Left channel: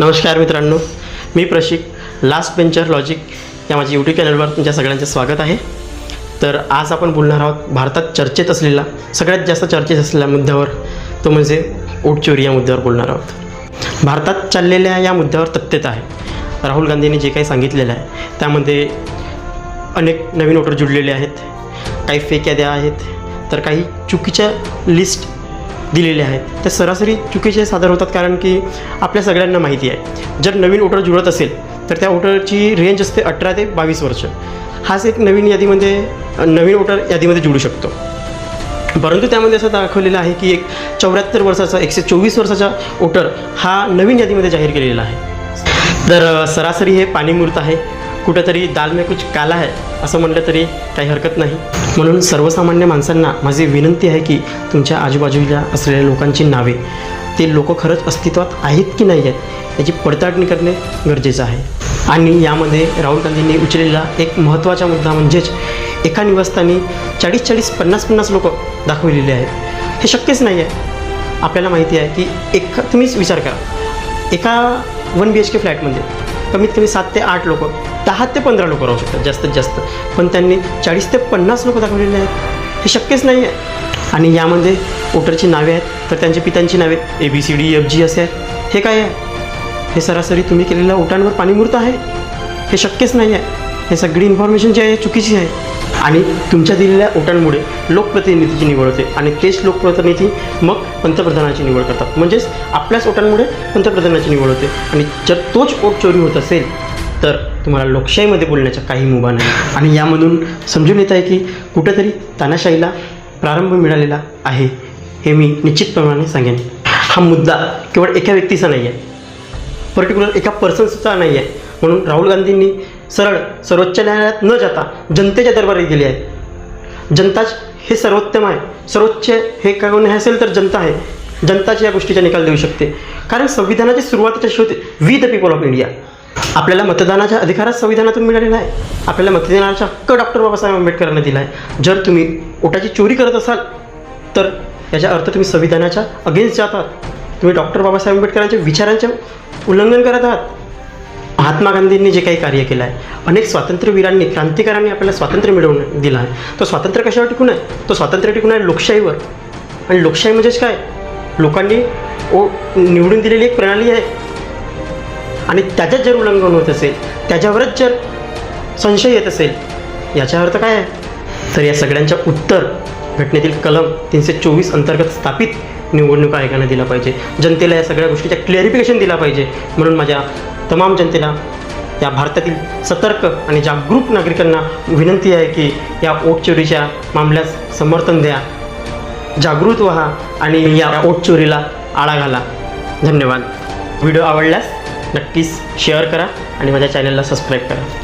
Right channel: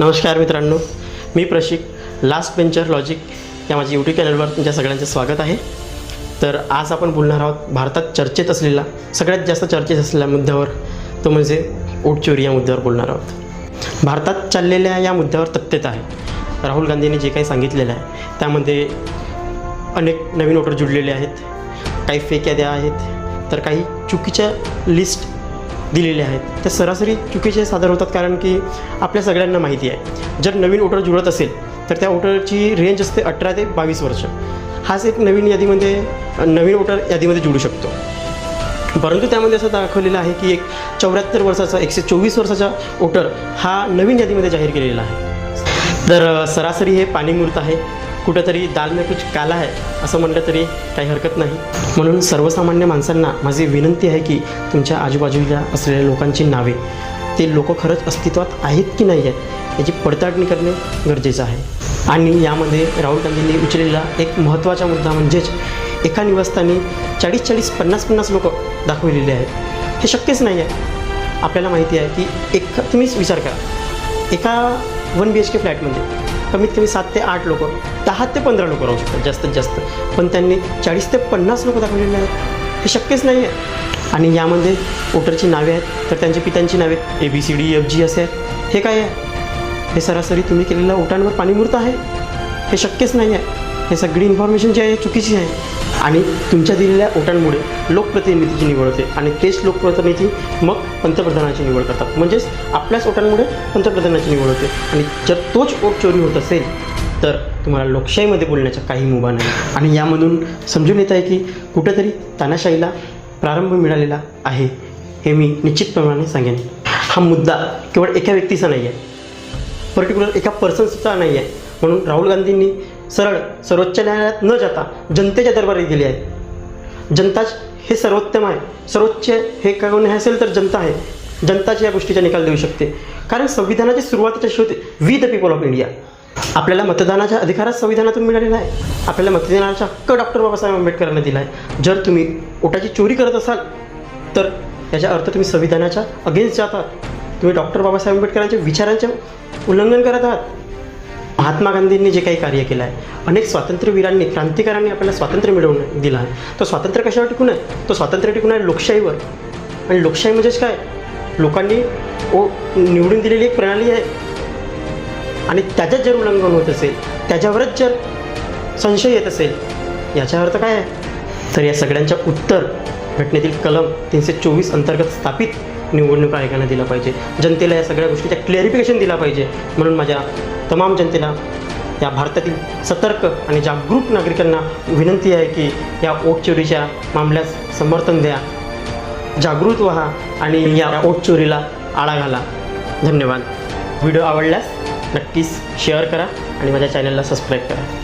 नमस्कार मित्रांनो, मी Prashik last bencher logic या माझ्या यूट्यूब चॅनलवर तुमच्या सगळ्यांचे स्वागत आहे. तर आज आपण बोलणार आहोत भारतात चर्चेत असलेला सगळ्यात जास्त चर्चेत असलेल्या मुद्द्यावर, तो म्हणजे वोट चोरी या मुद्द्यावर बोलणार आहोत. भारतात चाललेल्या या मुद्द्यावर तथ्यता आहे. राहुल गांधींनी जे काही सांगितलेलं आहे त्यामध्ये अनेक नवीन वोटर जुळलेले आहेत, काही फेक याद्या आहेत, तर काही चुकीच्या लिस्ट दिलेले आहेत. ते सरासरी चुकीचे सादर होतात, कारण की आपल्या सगळ्यांना माहिती आहे जर नवीन वोटर जुळत असेल तर त्या वोटरची रेंज असते 18 ते 22 वर्ष. हाच एक नवीन वोटर यादीमध्ये जुळू शकतो. परंतु त्यामध्ये असं दाखवलेलं आहे की एक 74 वर्षाचा 124 वर्षाचा वोटर हा नवीन यादीमध्ये जाहीर केलेला आहे. तर सरासरी हे पाणीमूर्त आहे, कुठेतरी दाल में कुछ काला है असं म्हटलं तरी काही हरकत नाही. म्हणून सर्वसामान्य माणसांना माझी विनंती आहे की तुमच्या आजूबाजूला असलेल्या लोकांची नावे, ते लोक खरंच अस्तित्वात आहेत की नाही आहेत याची पडताळणी करणे गरजेचं आहे. आणि यामध्ये राहुल गांधींनी उचललेला एक महत्त्वाचा मुद्दा म्हणजेच एका निवासस्थानी 40-40, 50-50 लोक दाखवलेले आहेत. हे शक्यच नाही आहे. आपल्याला माहिती आहे की तुम्हीच विचार करा, एका 1 BHK फ्लॅटमध्ये कमीत कमी 7 ते 8 लोक, 10 ते 15 लोक राहू शकतात जास्तीत जास्त, पण त्यांनी 40 ते 50 लोक दाखवलेले आहेत. हे शक्यच नाही आहे. आणि यामध्ये वोटरची नावे आहेत, तर त्यांच्या पित्यांची नावे ABCDEFG असे आहेत. हे काय आहे? हे सरासरी तुम्ही केलेल्या वोटांवर पाणीमूर्त आहे. हे शक्यच नाही आहे. हे सगळी इन्फॉर्मेशन जी आहे चुकीची आहे. आणि तुमच्या दिलेल्या वोटांमुळे लोकप्रतिनिधीची निवड होते आणि तेच लोकप्रतिनिधी मग पंतप्रधानाची निवड करतात. म्हणजेच आपल्याच वोटांमुळे पंतप्रधानाची निवड होते. आणि जर तोच वोट चोरी होत असेल तर तुम्हाला लोकशाहीमध्ये बोलण्याचा काही मुभा नाही. आणि यामधून समजून येत आहे की कुठेतरी तानाशाहीला प्रारंभ मिळालेला आहे. हे मी निश्चितप्रमाणे सांगेन. हा मुद्दा केवळ एका व्यक्तीचा नाही आहे, पर्टिक्युलर एका पर्सन्सचा नाही आहे. म्हणून राहुल गांधींनी सरळ सर्वोच्च न्यायालयात न जाता जनतेच्या दरबारी गेले आहे. जनताच हे सर्वोत्तम आहे. सर्वोच्च हे काय न्याय असेल तर जनता आहे. जनताच या गोष्टीचा निकाल देऊ शकते. कारण संविधानाची सुरुवातीची होते we the people of India. आपल्याला मतदानाचा अधिकारच संविधानातून मिळालेला आहे. आपल्याला मतदानाचा हक्क डॉक्टर बाबासाहेब आंबेडकरांनी दिला आहे. जर तुम्ही वोटाची चोरी करत असाल तर याचा अर्थ तुम्ही संविधानाच्या अगेन्स्ट जात आहात. तुम्ही डॉक्टर बाबासाहेब आंबेडकरांच्या विचारांचे उल्लंघन करत आहात. महात्मा गांधींनी जे काही कार्य केलं आहे, अनेक स्वातंत्र्यवीरांनी, क्रांतिकारांनी आपल्याला स्वातंत्र्य मिळवून दिलं आहे. तो स्वातंत्र्य कशावर टिकून आहे? तो स्वातंत्र्य टिकून आहे लोकशाहीवर. आणि लोकशाही म्हणजेच काय? लोकांनी निवडून दिलेली एक प्रणाली आहे. आणि त्याच्यात जर उल्लंघन होत असेल, त्याच्यावरच जर संशय येत असेल, याचा अर्थ काय आहे? तर या सगळ्यांच्या उत्तर घटनेतील कलम 324 अंतर्गत स्थापित निवडणूक आयोगाने दिला पाहिजे. जनतेला या सगळ्या गोष्टीचा क्लॅरिफिकेशन दिला पाहिजे. म्हणून माझ्या तमाम जनतेला, या भारतातील सतर्क आणि जागरूक नागरिकांना विनंती आहे की या वोट चोरीच्या मामल्यास समर्थन द्या, जागृत व्हा आणि या वोट चोरीला आळा घाला. धन्यवाद. व्हिडिओ आवडल्यास नक्कीच शेअर करा आणि माझ्या चॅनलला सबस्क्राईब करा.